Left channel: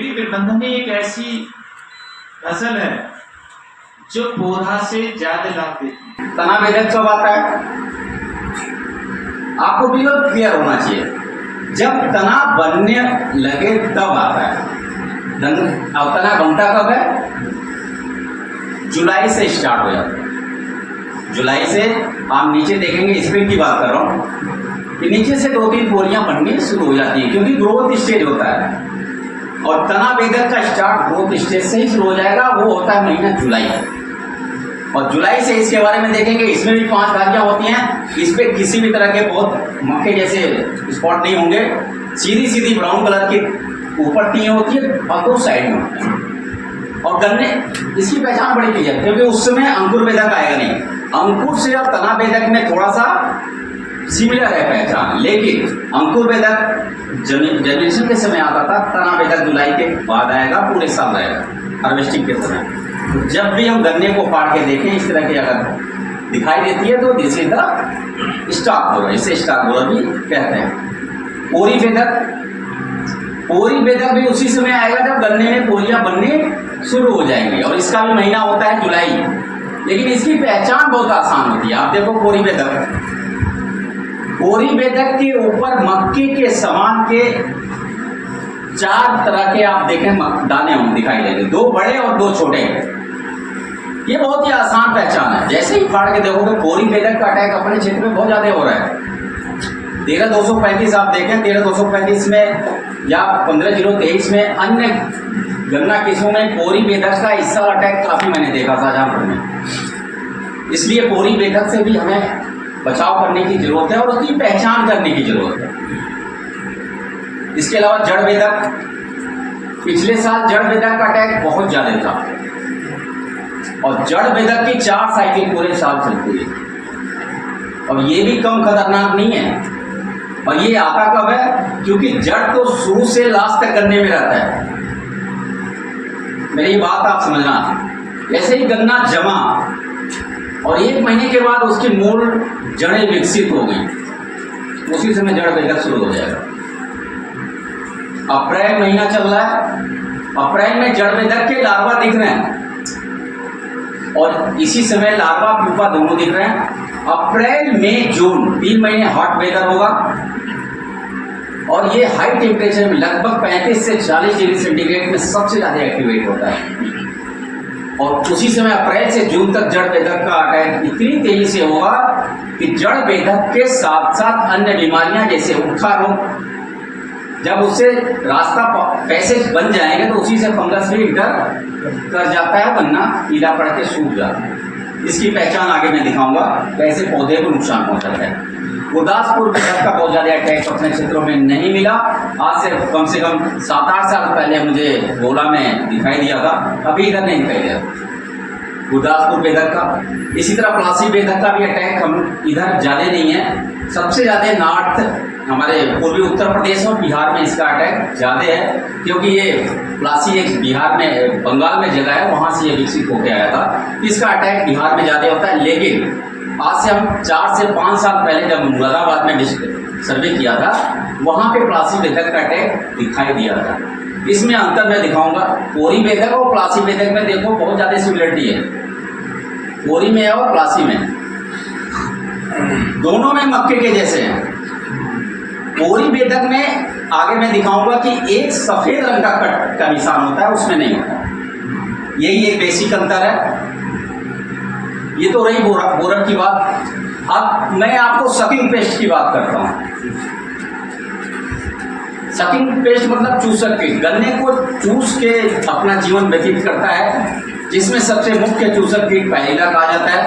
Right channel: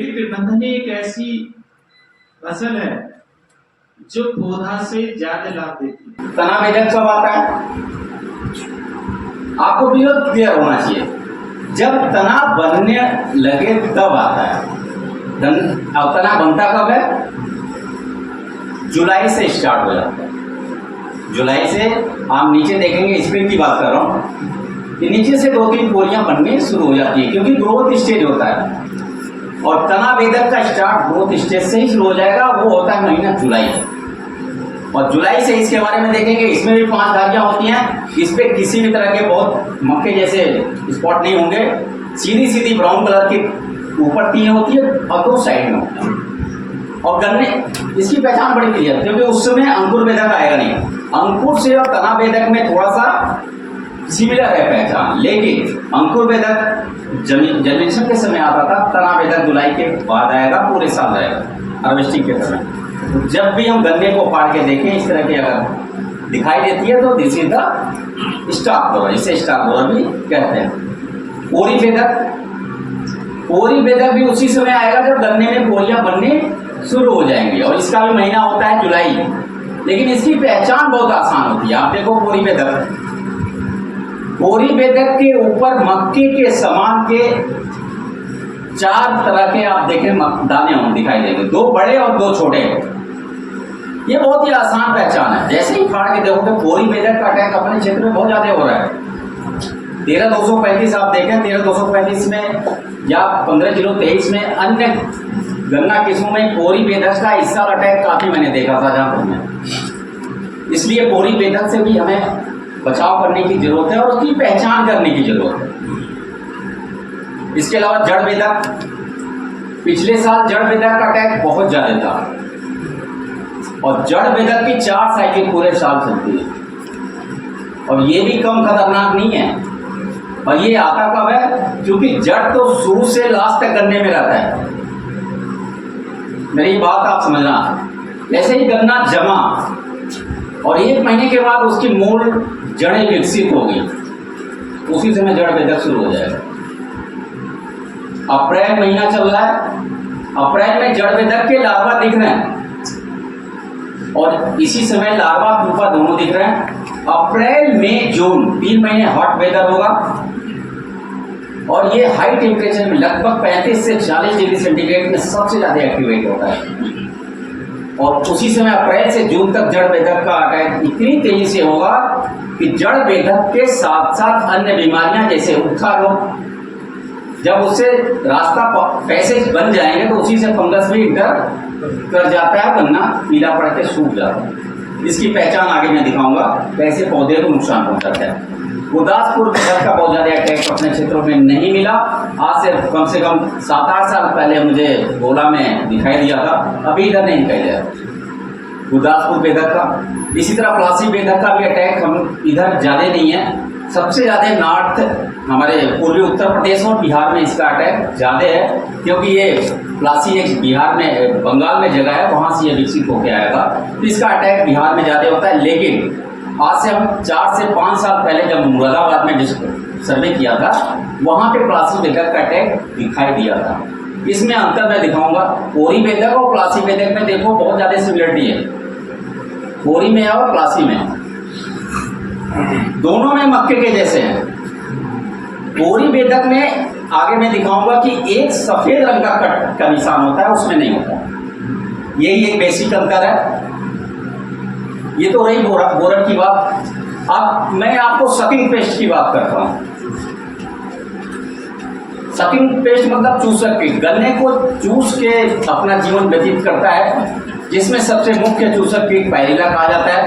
कीड़ी प्रबंधन एक ऐसी फसल है जो पौधा से ज्यादा लाभ देती है। तना वेदक कब आता है? आपको बिल्कुल क्लियर होना चाहिए, जब तना बनने लगे तब आता है। अब तना बनता कब है? जुलाई से स्टार्ट हो जाता है। जुलाई से आप नीचे देखेंगे, स्प्रिंग की बात कर रहा हूँ, कि नीचे से 2-3 पोलियां बननी शुरू हो जाती है, क्योंकि ग्रोथ स्टेज होता है। और तना वेदक का स्टार्ट ग्रोथ स्टेज से ही शुरू हो जाएगा, वो होता है महीना जुलाई। और जुलाई से इसके बारे में देखेंगे, इसमें भी 5 धारियां होती हैं। इस पे किसी भी तरह के बहुत मक्के जैसे स्पॉट नहीं होंगे, सीधी सीधी ब्राउन कलर की ऊपर 3 होती है और 2 साइड में होती है। और गन्ने इसकी पहचान बड़ी क्लियर है, क्योंकि उस समय अंकुर वेदक आएगा नहीं। अंकुर से और तना वेदक में थोड़ा सा सिमिलर है पहचान, लेकिन अंकुर वेदक जनरेशन के समय आता था, तना वेदक जुलाई के बाद आएगा, पूरे साल रहेगा हार्वेस्टिंग के समय। तो जब भी हम गन्ने को फाड़ के देखें इस तरह की अगर दिखाई देती है तो this is the stock borer, इसे स्टॉक बोरर भी कहते हैं। पोरी वेदक भी उसी समय आएगा जब गन्ने में पोरियां बनने शुरू हो जाएंगी, और इसका भी महीना होता है जुलाई। लेकिन इसकी पहचान बहुत आसान होती है। आप देखो पोरी वेदक के ऊपर मक्के के समान के 4 तरह के आप देखें दाने होंगे, दिखाई देंगे, 2 बड़े और 2 छोटे। ये बहुत ही आसान पहचान है। जैसे ही फाड़ के देखोगे, पोरी वेदक का अटैक अपने क्षेत्र में बहुत ज्यादा हो रहा है। 13,235 आप देखें, 13,235 में या 15,023 में अन्य गन्ना किस्मों में पोरी वेदक का इस साल अटैक काफी मैंने देखा था शाहजहांपुर में। इसलिए पोरी वेदक से भी हमें बचाव करने की जरूरत है और उसकी पहचान करने की जरूरत है। इसके अलावा जड़ वेदक, पिछले साल जड़ वेदक का अटैक बहुत ज्यादा था, और जड़ वेदक की 4 साइकिल पूरे साल चलती है, और ये भी कम खतरनाक नहीं है। और ये आता कब है? क्योंकि जड़ तो शुरू से लास्ट तक गन्ने में रहता है। मेरी बात आप समझना, जैसे ही गन्ना जमा और 1 महीने के बाद उसकी मूल जड़ें विकसित हो गई, उसी समय जड़ वेदक शुरू हो जाएगा। अप्रैल महीना चल रहा है, अप्रैल में जड़ वेदक के लार्वा दिख रहे हैं, और इसी समय लार्वा प्यूपा दोनों दिख रहे हैं। अप्रैल मई जून 3 महीने हॉट वेदर होगा, और ये हाई टेम्परेचर में लगभग 35 से 40 डिग्री सेंटीग्रेड में सबसे ज्यादा एक्टिवेट होता है। और उसी समय अप्रैल से जून तक जड़ वेदक का अटैक इतनी तेजी से होगा कि जड़ वेदक के साथ साथ अन्य बीमारियां जैसे उखा रोग, जब उससे रास्ता पैसेज बन जाएंगे तो उसी से फंगस भी इंटर कर जाता है, गन्ना पीला पड़ के सूख जाता है। इसकी पहचान आगे मैं दिखाऊंगा, कैसे पौधे को नुकसान पहुंचाता है। गुरदासपुर वेदक का बहुत ज्यादा अटैक अपने क्षेत्रों में नहीं मिला। आज से कम 7-8 साल पहले मुझे गोला में दिखाई दिया था, अभी इधर नहीं दिखाई दिया गुरदासपुर वेदक का। इसी तरह प्लासी वेदक का भी अटैक हम इधर ज्यादा नहीं है। सबसे ज्यादा नॉर्थ हमारे पूर्वी उत्तर प्रदेश और बिहार में इसका अटैक ज्यादा है, क्योंकि ये प्लासी एक बिहार में, बंगाल में जगह है, वहां से ये विकसित होकर आया था। इसका अटैक बिहार में ज्यादा होता है। लेकिन आज से हम 4 से 5 साल पहले जब मुरादाबाद में सर्वे किया था, वहां पे प्लासी वेदक का अटैक दिखाई दिया था। इसमें अंतर मैं दिखाऊंगा। पोरी वेदक और प्लासी वेदक में देखो बहुत ज्यादा सिमिलरिटी है, पोरी में और प्लासी में, दोनों में मक्के के जैसे हैं। पोरी वेदक में आगे मैं दिखाऊंगा कि एक सफेद रंग का कट का निशान होता है, उसमें नहीं होता। यही एक बेसिक अंतर है। ये तो रही बोरर की बात। अब मैं आपको सकिंग पेस्ट की बात करता हूं। सकिंग पेस्ट मतलब चूसक कीट, गन्ने को चूस के अपना जीवन व्यतीत करता है, जिसमें सबसे मुख्य चूसक कीट पायरिला कहा जाता है।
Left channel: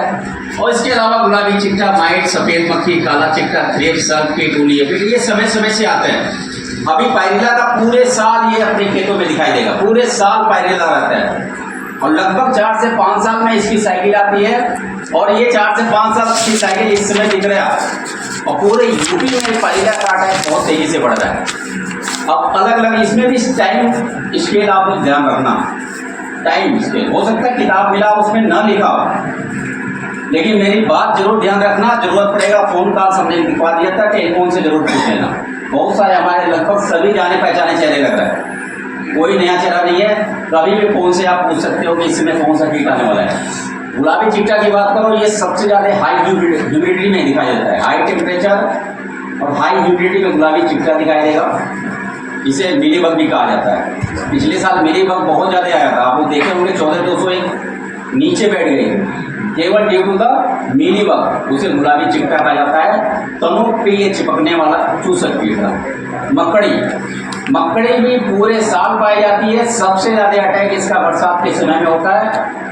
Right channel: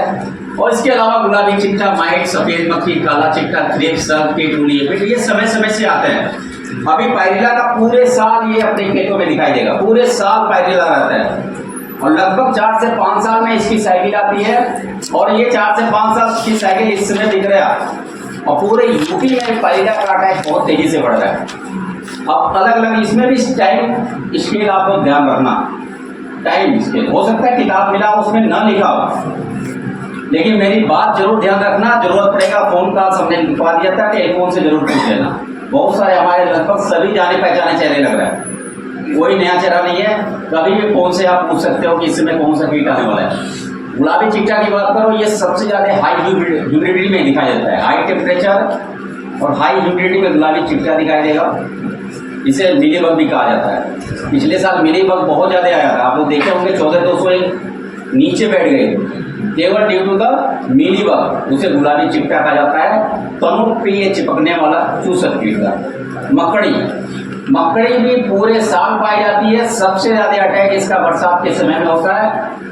और इसके अलावा गुलाबी चिट्टा, माइट, सफेद मक्खी, काला चिट्टा, थ्रेप, सर्प कीट, उली, ये समय समय से आते हैं। अभी पायरिला का पूरे साल ये अपने खेतों में दिखाई देगा, पूरे साल पायरिला रहता है, और लगभग 4 से 5 साल में इसकी साइकिल आती है। और ये 4 से 5 साल की साइकिल इस समय दिख रहा है, और पूरे यूपी में पायरिला का अटैक बहुत तेजी से बढ़ रहा है। अब अलग अलग इसमें भी टाइम स्केल आप लोग ध्यान रखना, टाइम स्केल हो सकता है किताब मिला उसमें ना लिखा हो, लेकिन मेरी बात जरूर ध्यान रखना। जरूरत पड़ेगा फोन कॉल हमने लिखवा दिया था, टेलीफोन से जरूर पूछ लेना। बहुत सारे हमारे लगभग सभी जाने पहचाने चेहरे लग रहे हैं, कोई नया चेहरा नहीं है। कभी भी फोन से आप पूछ सकते हो कि इसमें कौन सा कीट आने वाला है। गुलाबी चिट्टा की बात करो, ये सबसे ज़्यादा हाई ह्यूमिडिटी में दिखाई देता है। हाई टेम्परेचर और हाई ह्यूमिडिटी में गुलाबी चिट्टा दिखाई देगा। इसे मिलीबग भी कहा जाता है। पिछले साल मिलीबग बहुत ज़्यादा आया था, आप लोग देखे होंगे 14,201 नीचे बैठ गई, केवल ड्यू टू द मिलीबग। उसे गुलाबी चिट्टा कहा जाता है। तनु पे ये चिपकने वाला चूसक कीट था। मकड़ी भी पूरे साल पाई जाती है। सबसे ज़्यादा अटैक इसका बरसात के समय में होता है।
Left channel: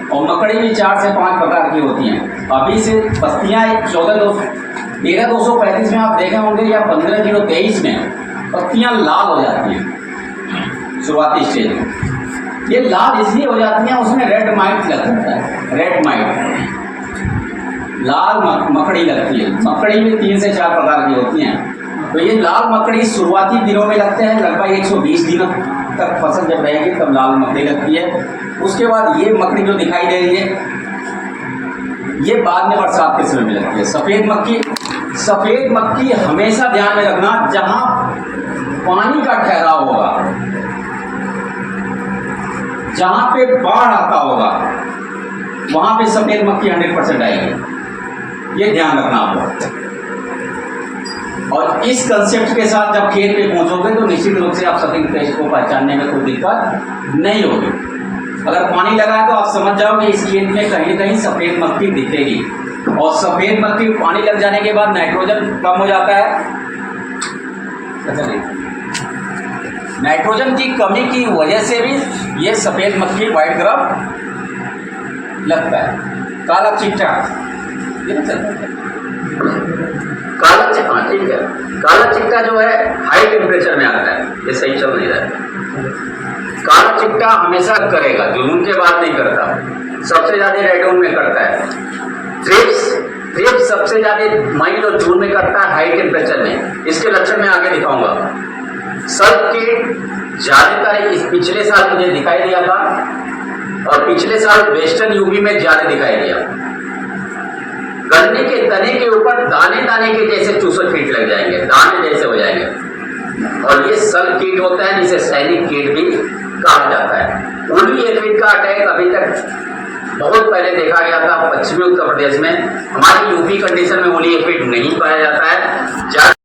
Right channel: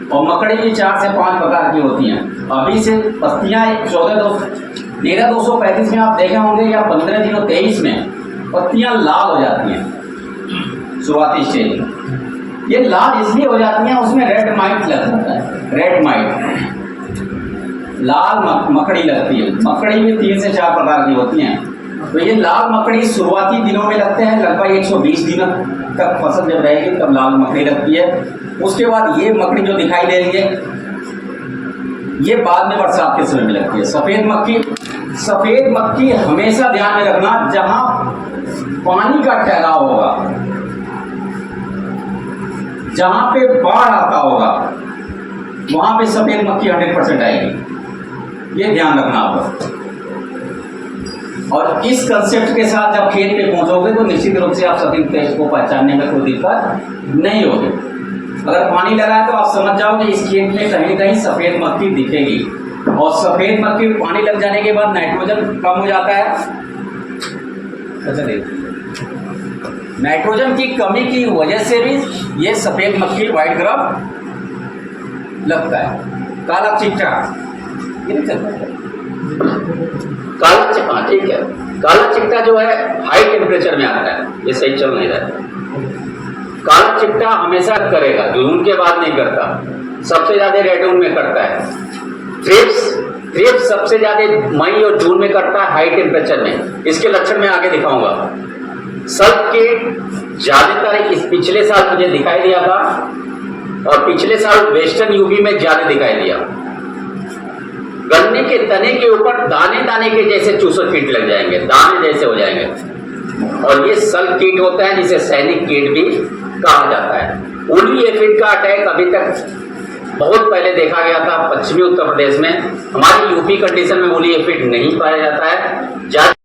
और मकड़ी भी 4 से 5 प्रकार की होती हैं। अभी से पत्तियाँ 13,235 में आप देखे होंगे या 15,023 में पत्तियाँ लाल हो जाती हैं शुरुआती स्टेज में। ये लाल इसलिए हो जाती हैं, उसमें रेड माइट लग जाता है। रेड माइट लाल मकड़ी लगती है। मकड़ी भी 3 से 4 प्रकार की होती हैं। तो ये लाल मकड़ी शुरुआती दिनों में लगते हैं, लगभग 120 दिनों तक फसल जब रहेगी तब लाल मकड़ी लगती है। उसके बाद ये मकड़ी जो दिखाई दे रही है ये बाद में बरसात के समय में लगती है। सफ़ेद मक्खी हमेशा ध्यान में रखना, जहां पानी का ठहराव होगा, जहां पे बाढ़ आता होगा, वहां पे सफ़ेद मक्खी 100% आएगी। ये ध्यान रखना आप लोग। और इस कंसेप्ट के साथ जब खेत पे पहुंचोगे तो निश्चित रूप से आप सफ़ेद पेस्ट को पहचानने में कोई दिक्कत नहीं होगी। अगर पानी लगा है तो आप समझ जाओ कि इस खेत में कहीं न कहीं सफ़ेद मक्खी दिखेगी। और सफ़ेद मक्खी पानी लग जाने के बाद नाइट्रोजन कम हो जाता है। अच्छा देखिए, नाइट्रोजन की कमी की वजह से भी ये सफ़ेद मक्खी व्हाइट ग्रब लगता है। काला चिट्टा ये नहीं चलता है। काला चिट्टा, ठीक है, काला चिट्टा जो है हाई टेम्परेचर में आता है। ये सही चल नहीं रहा है। काला चिट्टा हमेशा करेगा, जून के बाद नहीं करता। सबसे ज़्यादा रेडून में करता है। थ्रिप्स सबसे ज़्यादा मई और जून में करता है हाई टेम्परेचर में। इसके लक्षण मैं आगे दिखाऊंगा। सब कीट ज़्यादातर इस पिछले साल मुझे दिखाई दिया था और पिछले साल वेस्टर्न यूपी में ज़्यादा दिखाई दिया। गन्ने के तने के ऊपर दाने दाने के जैसे चूसक कीट लग जाएंगे, दाने जैसे हो जाएंगे। और ये सल कीट होता है जिसे सैनिक कीट भी कहा जाता है। उली एफिड का अटैक अभी तक बहुत पहले देखा गया था पश्चिमी उत्तर प्रदेश में। हमारी यूपी कंडीशन में उली एफिड नहीं पाया जाता है।